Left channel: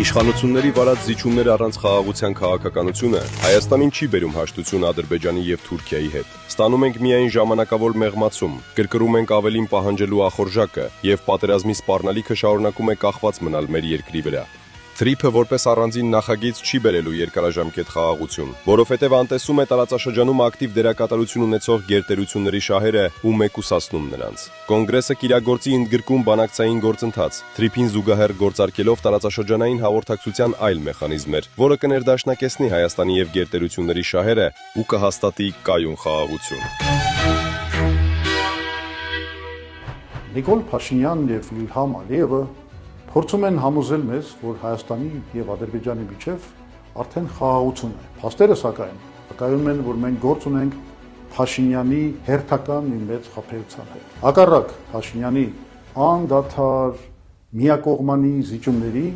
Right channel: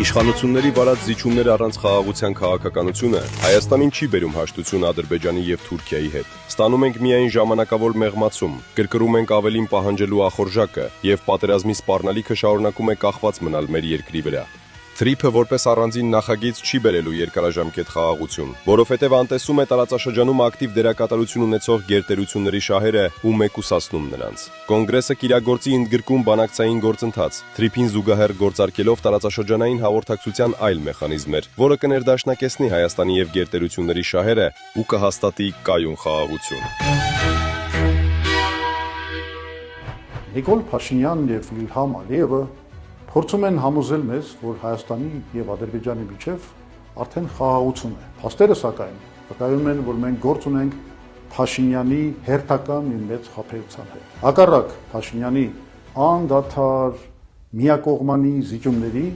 Իշխանությունների վարած զիջումներ առանց խաղաղության քաղաքականությունը Հայաստանին չի բերում հաշտություն Ադրբեջանի եւ Թուրքիայի հետ։ Ստանում ենք միայն ժամանակավոր մեղմացում, կրկրում ենք ավելին պահանջելու ախորժակը եւ պատերազմի սպառնալիքը շարունակում է կախված մնալ մեր երկրի վրա։ Թրիփը որպես առանձին նախագիծ չի բերելու երկարաժամկետ խաղաղություն, որովհետև անտեսում է տարածաշրջանում ակտիվ դերակատարություն ունեցող գերտերությունների շահերը ու մեկուսացնում նրանց։ Կոնգրեսը կիրագործի ընդգրկում բանակցային գործընթաց, Թրիփին զուգահեռ գործարկելով տարածաշրջանային հաղորդակցության այլ մեխանիզմներ, որը կներդաշնակեցնի Հայաստանի եւ գերտերությունների շահերը ու կհաստատի կայուն խաղաղություն։ Նիկոլ Փաշինյանն եւ Իլհամ Ալիևը փորձում են համոզել մեզ, որ Հայաստանի եւ Ադրբեջանի միջև արդեն խաղաղություն է։ Փաստերը սակայն վկայում են, որ մենք գործ ունենք Փաշինյանի հերթական մի մեծ խաբեության հետ։ Հակառակ Փաշինյանի անդադար միակողմանի զիջումների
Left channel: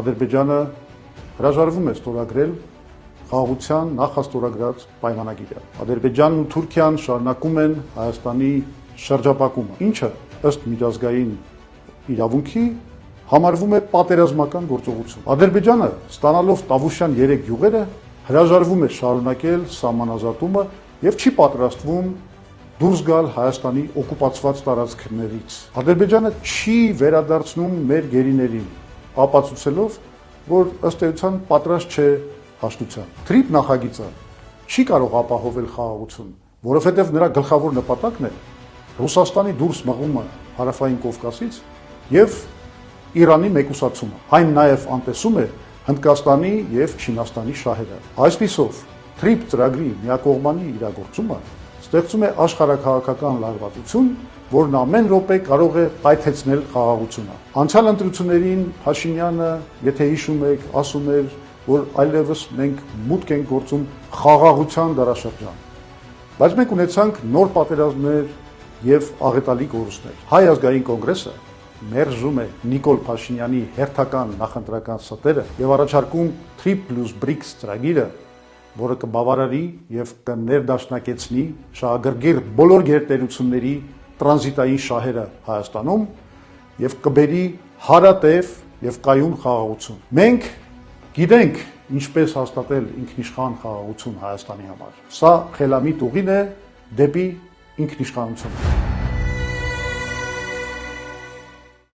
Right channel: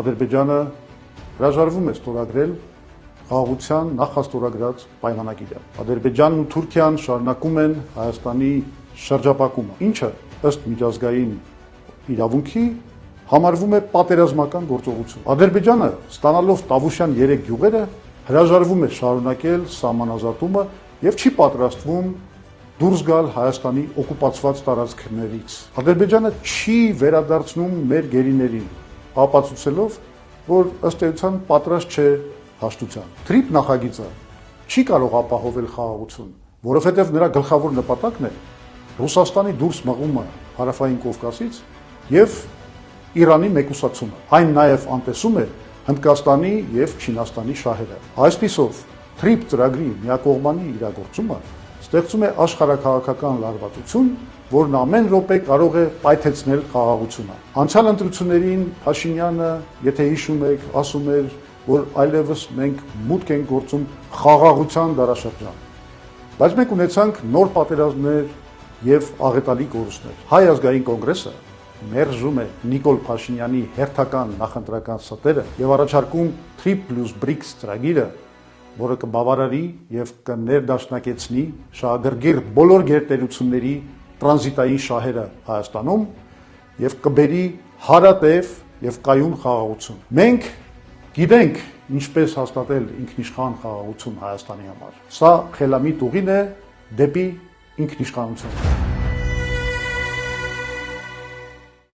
Ադրբեջանը հրաժարվում է ստորագրել խաղաղության նախաստորագրած պայմանագիրը։ Ադրբեջանն ու Թուրքիան շարունակում են Հայաստանի շրջապակումը, ինչը ըստ միջազգային իրավունքի համարվում է պատերազմական գործողություն։ Ադրբեջանը, ստանալով Տավուշյան 3 գյուղերը, հրաժարվում է շարունակել սահմանազատումը եւ չի պատրաստվում դուրս գալ Հայաստանի օկուպացված տարածքներից։ Ադրբեջանը չի վերադարձնում մեր գերիներին, ապացուցելով, որ ըստ էության պատրաստ չէ հաշտության։ Թրիփ նախագիծը չի կարող ապահովել խաղաղություն, որովհետեւ նրա գլխավոր նպատակն է Ռուսաստանի դուրս բռնումը Հարավային Կովկասից եւ Իրանի մեկուսացումը։ Այն նաև անտեսում է Հնդկաստանի եւ Չինաստանի շահերը։ Այսպիսով, Թրիփ ծրագրի միակողմանի իրագործումը ստեղծում է աշխարհաքաղաքական լարվածություն, որն ամեն րոպե կարող է պայթեցնել խաղաղությունը։ Անցյալ ընտրություններին Փաշինյանը, եթե հիշում եք, ասում էր, որ այլևս մենք մուտք ենք գործում խաղաղության դարաշրջան։ Բայց մենք ունեցանք նոր պատերազմներ եւ աղետալի կորուստներ։ Հայ ազգային կոնգրեսը մերժում է Նիկոլ Փաշինյանի հերթական նախընտրական ստերը եւ առաջարկում Trip plus BRICS ծրագիրը, որը կբավարարի եւ կներդաշնակեցնի շահագրգիռ բոլոր գերտերությունների տրանզիտային շահերը Հայաստանում եւ կբերի հարատև եւ կայուն խաղաղություն։ Մենք գիտենք ինչպես հաստատել ինքնիշխան խաղաղություն Հայաստանի համար։ Սա խելամիտ ուղին է դեպի ինքնիշխանություն։